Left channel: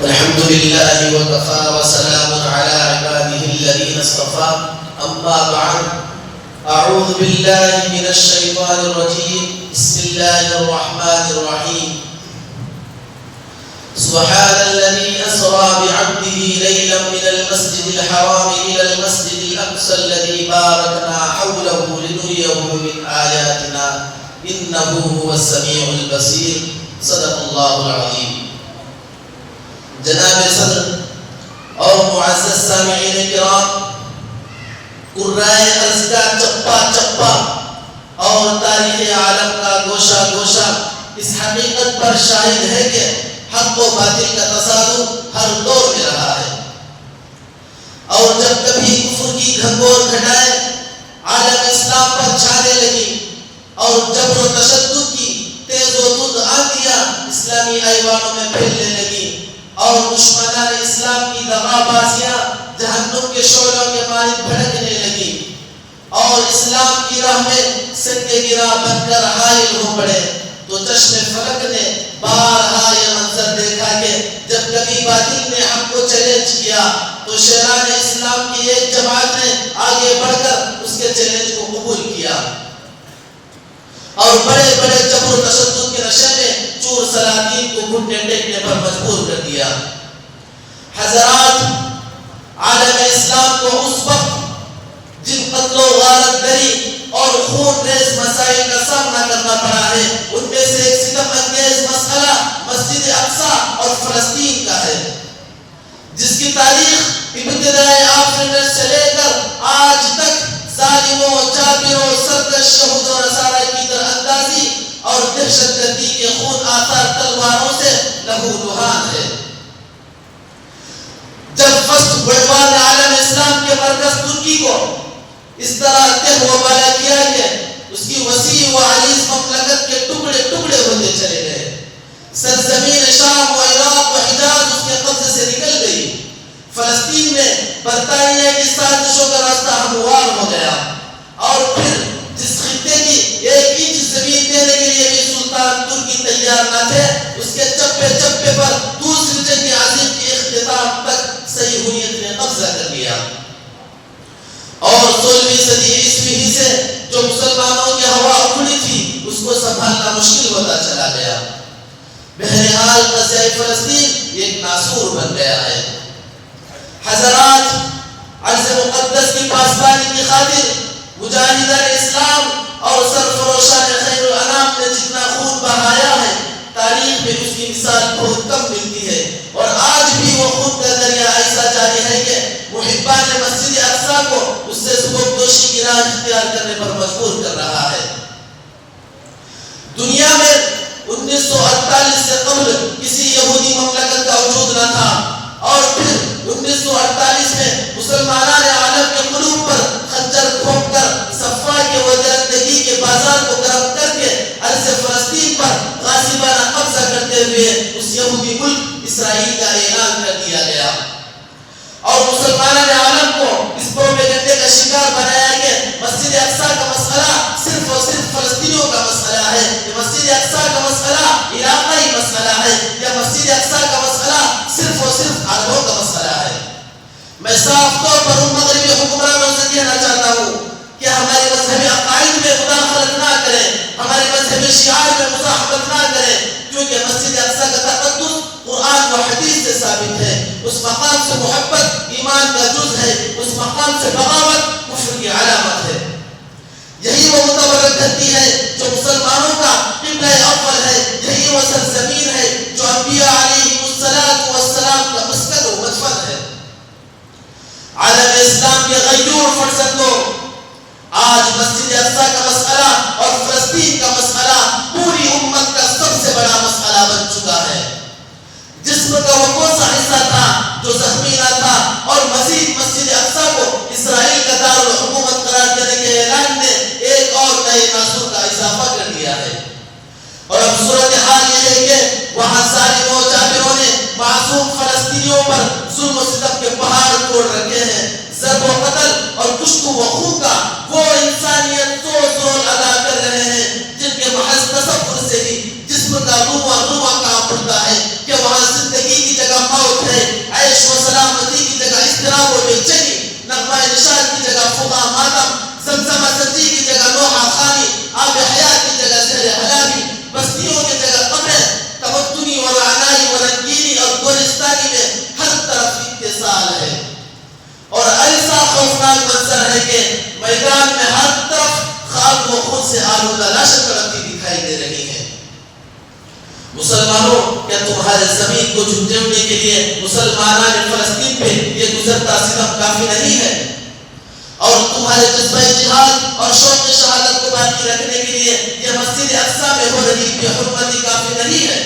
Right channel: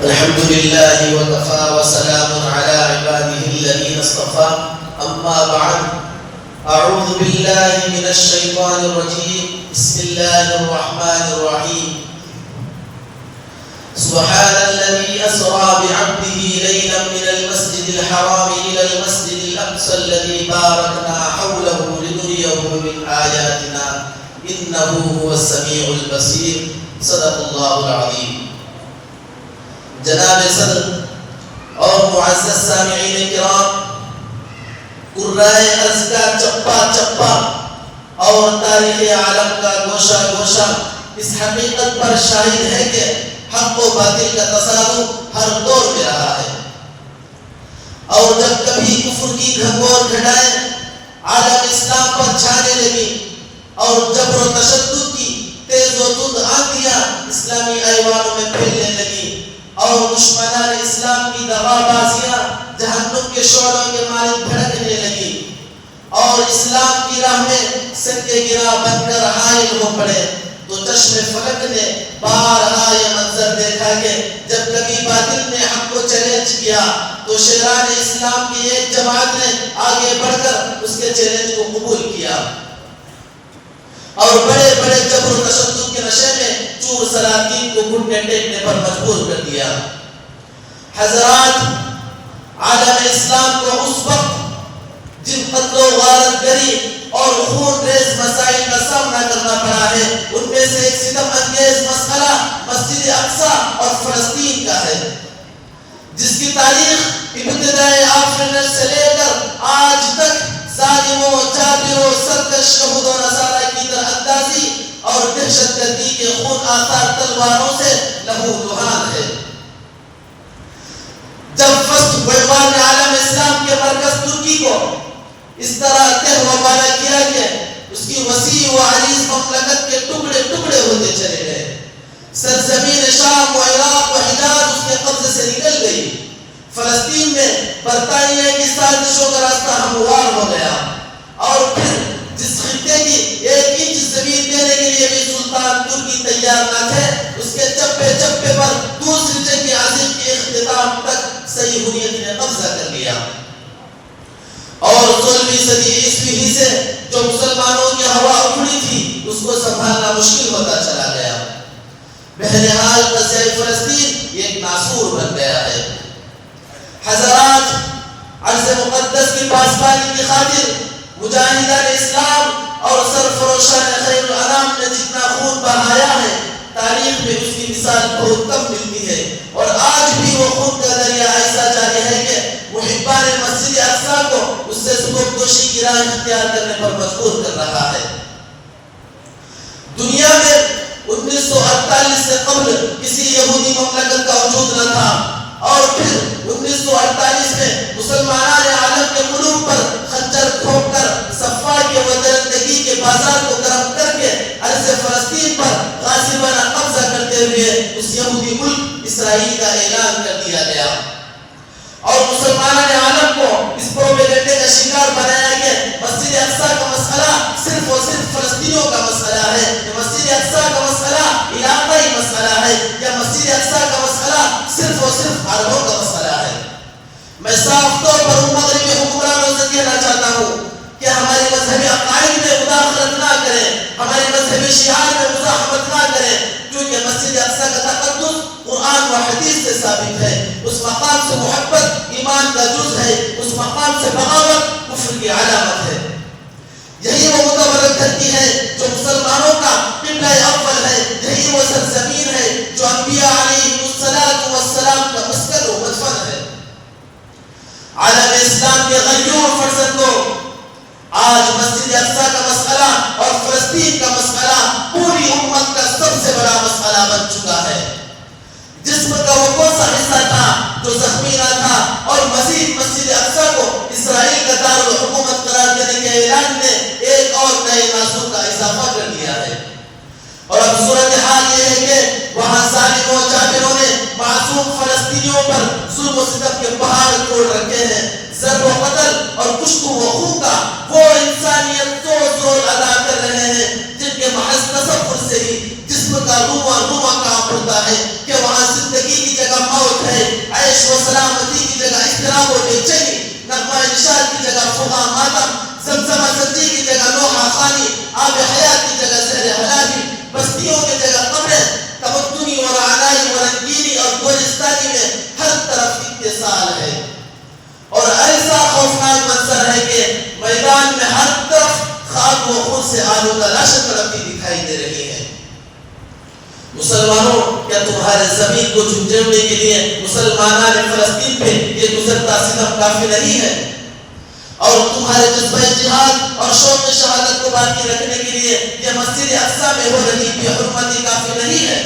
الحمد لله وكفى وسلام على عباده الذين اصطفى أما بعد أعوذ بالله من الشيطان الرجيم بسم الله الرحمن الرحيم سبحان الذي أسرى بعبده ليلا من المسجد الحرام إلى المسجد الأقصى الذي باركنا حوله لنريه من آياتنا إنه هو السميع البصير صدق الله العظيم. جناب صدر اور معزز سامعین کرام، قرائے ارض کا چپا چپا اور تاریخ عالم کا گوشہ گوشہ اس حقیقت پر شاہد ہے کہ حق و باطل کا تصادم ہر دور میں رہا ہے، اور جب کبھی کفر کی گھنگور گھٹائیں عالم اسلام پر چھانے لگی اور جبر و تشدد کی تیز و تند آندیاں اسلامی ایوانوں میں پھیلنے لگی اور دشمنان اسلام کی دغا بازیاں جہنم کے شعلوں کے مانند بھڑکنے لگی اور اسلام کی راہ میں سنگ گرا بن کر حائل ہو پڑے، تو چشم فلک نے بارہا یہ منظر دیکھا کہ جب کبھی باطل نے حق کو چیلنج کیا تو شیران اسلام کی ایک جماعت نے آگے بڑھ کر اس کے چیلنج کو قبول کیا اور بڑے بڑے جبر و تشدد کے نشے میں چور سلاطین کو گھٹنے ٹیکنے پر مجبور کر دیا۔ حضرات، عالم اسلام کو اس وقت جن قتل و غارت گری اور خون ریز مسائل کا سامنا کرنا پڑا ہے، ان میں سے ایک ستم انگیز مسئلہ مسجد اقصی اور فلسطین کا ہے، جس کی تاریخ ابتدائے آفرینٹ سے لے کر آج تک ظالموں، جابروں، سرکش یہود و نصارہ کی در اندازی اور دہشت گردی کے خون آثار تلواروں سے لہو لہان ہے۔ جب فرسٹ عنوان عالم اسلام کے مرکز ترکی کو اس طرح تہ و بالا کیا کہ اس کی وسیع و عریض مملکت کے ٹکڑے ٹکڑے ہوتے چلے گئے، سرزمین شام و عراق و حجاز اس کے قبضے سے نکل گئی، فلسطین میں برطانیہ کی سازشوں کا راستہ ہموار ہو گیا، اور پھر جس خطے کی ایک انچ زمین دینے کے لیے بھی سلطان ترکی تیار نہ تھے، اس کے چپے چپے پر دوسری جنگ عظیم کے اختتام تک صہیونیت نے قبضہ کر لیا، اور 16ویں صدی عیسوی ہی سے جو مسلمانوں کی ہوا اکھڑی تھی اس کو سنبھالنا مشکل ہوتا چلا گیا۔ بہرحال قضیہ فلسطین ایک ناسور بن گیا ہے۔ حضرات، عرض مقدس کی پاسبانی کی خاطر مجاہدان اسلام اور سرفروشان خیر الانام نے جتنا خون بہایا ہے، تاریخ میں اس کی مثال بہت کم ملتی ہے، اور آج بھی وہ خون کا دریا ایسا جاری ہے کہ محبان مسجد اقصی کو اس سے سبکدوشی کی راہ اختیار کرنے پر مجبور کر رہا ہے۔ دنیا میں 1948 سے قبل کسی یہودی مملکت کا وجود نہ تھا، اور پھر 1948 میں مسلمانان عالم کے قلوب پر خنجر گھونپ کر صفائی و درندگی کے بازار کو گرم کر کے ارض فلسطین پر غاصبانہ قبضہ کرتے ہوئے اس یہودی ملک اسرائیل کا اعلان کر دیا گیا، اور مسلمانان عالم کو اس پروپیگنڈے کا شکار بنایا کہ مسجد اقصی کا مسئلہ صرف اور صرف فلسطینیوں کا مسئلہ ہے، یا مسجد اقصی کا مسئلہ علاقائی مسئلہ ہے، یا مسجد اقصی کا مسئلہ صرف اور صرف عربوں کا مسئلہ ہے۔ میں صاف طور پر ان مغربی حکمرانوں سے کہنا چاہتا ہوں کہ ہمارے مذہبی عقائد میں مداخلت نہ کریں، ہمارے مذہبی شعار میں مزاحمت نہ کریں، کیونکہ مسجد اقصی کا تقدس قرآن و حدیث سے ثابت ہے، اس مقام سے محبت ایمان کا جز ہے، اس مقام سے بغاوت کفر کی علامت ہے۔ یہی وہ متبرک دھرتی ہے جو مسلمانوں کا قبلہ اول ہے، یہی وہ سرزمین ہے جو انبیاء علیہ السلام کا مسکن و مدفن ہے۔ عالم اسلام کے غیور فرزندوں، آج مسجد اقصی کا مسئلہ اور فلسطین کا مسئلہ پوری امت کا سب سے بڑا مسئلہ بن چکا ہے۔ جسم کا وہ کون سا حصہ تھا جو زخمی نہ تھا، اور مزید مسجد اقصی کو اسرائیل کا دارالحکومت قرار دینے کے اعلان نے ایک اور نئے ناسور کا اضافہ کر دیا ہے، اور اب صورتحال یہ ہے کہ وہاں ظالموں جابروں نے معصوم فلسطینیوں پر ظلم و ستم کے پہاڑ توڑ رکھے ہیں، ضرب و قتل اور کشت و خون کا وہ انسانیت زور ادا کر رہے ہیں جن کے محض تصور سے ہی جسم کا روما روما کام پڑتا ہے کہ وہاں زندگی کی جگہ موت سلامتی کی جگہ اضطراب و بے چینی، نغمہ نشاد کی جگہ فغاں ماتم، زمزمہ سجی کی جگہ نوحہ خانی، آب حیات کی جگہ زہر حلالی، بستیوں کی جگہ قبریں، تمدنی و رعنائی و رنگینی اور گلستانی میں ہر طرف اتصال ہے، اور ایسا خوفناک منظر ہے کہ میدان میں ہر طرف خاک و خون سے آلودہ لاشیں تڑپتی دکھائی دے رہی ہیں۔ مسلمانوں، کیا تمہارے زمین کو جھنجھوڑنے کے لیے مسلمانان فلسطین پہ یہ گزرتا ستم کافی نہیں ہے؟ اور تمہارے جذبہ جہاد اور شوق شہادت کو باقی رکھنے کے لیے یہ مسجد اقصی میں ہو رہی بے حرمتی کافی نہیں ہے؟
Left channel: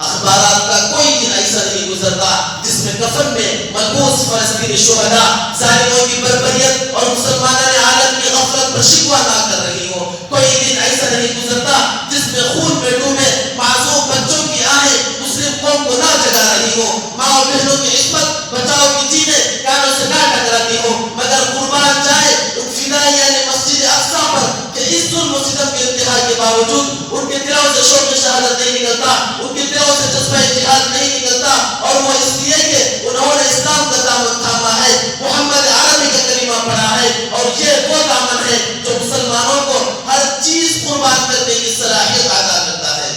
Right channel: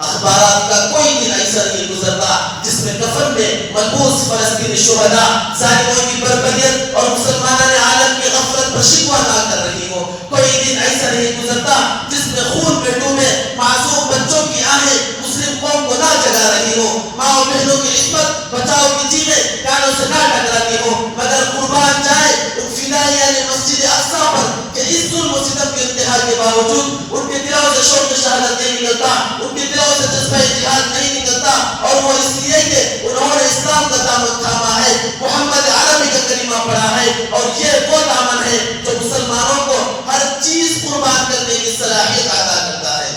اخبارات کا کوئی دن ایسا نہیں گزرتا جس میں کفن میں ملبوس فلسطینی شہداء ظالموں کی بربریت اور مسلمانان عالم کی غفلت پر شکوہ نہ کر رہی ہو۔ کوئی دن ایسا نہیں گزرتا جس میں خون میں ڈوبے معصوم بچوں کی آہیں مسلم قوم کو نہ جگا رہی ہو، ماں و بہنوں کی عصمت بچاؤ کی چیزیں کانوں سے نہ ٹکراتی ہو، مگر قربان جائے ان فدائیان مسجد اقصی پر کہ اس ظلم و ستم کے انتہا کے باوجود ان کے دلوں سے شوق شہادت نہیں نکلتا، ان کے دلوں سے جذبہ جہاد نہیں نکلتا، اور وہ اس لیے کہ انہوں نے اسلام کا دامن تھاما ہے، محمد عربی کا کلمہ پڑھا ہے، اور یہ وہ دامن ہے جو مسلمانوں کو ہر چیز قربان کرنے کی صلاحیت عطا کرتا ہے۔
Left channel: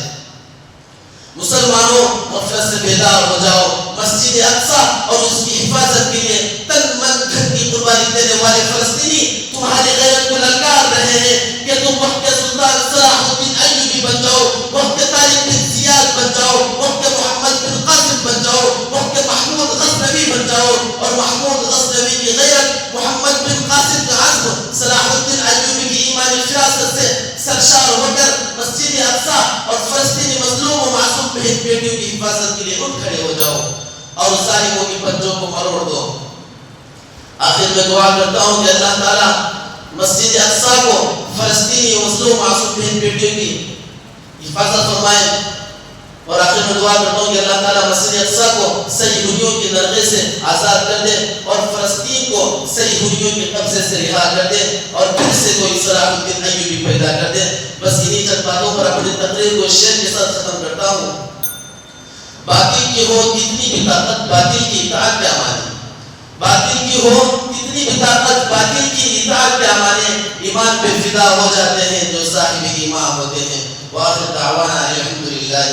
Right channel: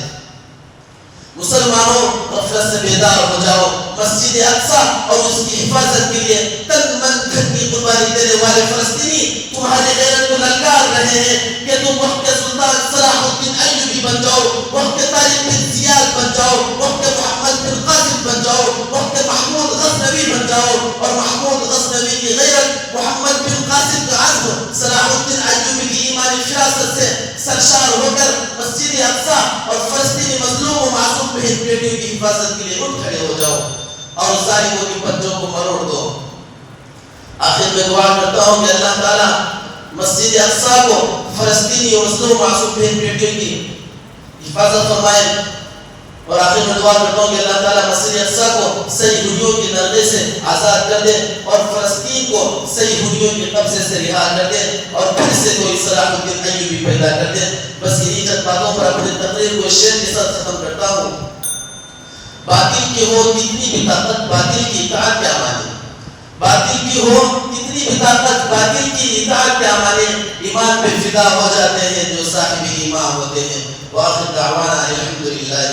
مسلمانوں، غفلت سے بیدار ہو جاؤ، مسجد اقصی اور اس کی حفاظت کے لیے تن من دھن کی قربانی دینے والے فلسطینی تمہاری غیرت کو للکار رہے ہیں کہ تم وقت کے سلطان صلاح الدین ایوبی بن جاؤ، وقت کے طارق بن زیاد بن جاؤ، وقت کے محمد بن قاسم بن جاؤ، وقت کے محمود غزنوی بن جاؤ، اور محمود غزنوی کی غیرت، محمد بن قاسم کا عزم، صلاح الدین ایوبی کی ایمانی فراست سے سرشار ہو کر مسجد اقصی اور فلسطینی مظلوم و معصوم بہن بیٹیوں کی حفاظت کے لیے اٹھ کھڑے ہو جاؤ اور ظالموں کی پنجوں کو مروڑ دو۔ آخر میں دعا کرتا ہوں کہ اللہ تعالیٰ مسجد اقصی کو فلسطینی مظلوم معصوم بہن بیٹیوں کی حفاظت فرمائے، اور آخر میں دعا کرتا ہوں کہ اللہ تعالیٰ مسجد اقصی کو صلیبیوں کے درغے سے آزاد کر دے اور فلسطین کو صلیبیوں کے قبضے سے رہا کر دے، اور پھر سے کوئی صلاح الدین ایوبی پیدا کر دے۔ بس انہی چند باتوں پر اپنی تقریر کو شعر کے ساتھ ختم کرتا ہوں۔ باطل کی ہو کتنی بھی طاقت، باطل کی اطاعت کیا مانے؟ باطل کی ہو کتنی بھی طاقت، باطل کی اطاعت کیا مانے؟ ایمان پہ فدا ہو جاتے ہیں جو صاحب ایمان ہوتے ہیں۔ وآخر دعوانا الحمدللہ۔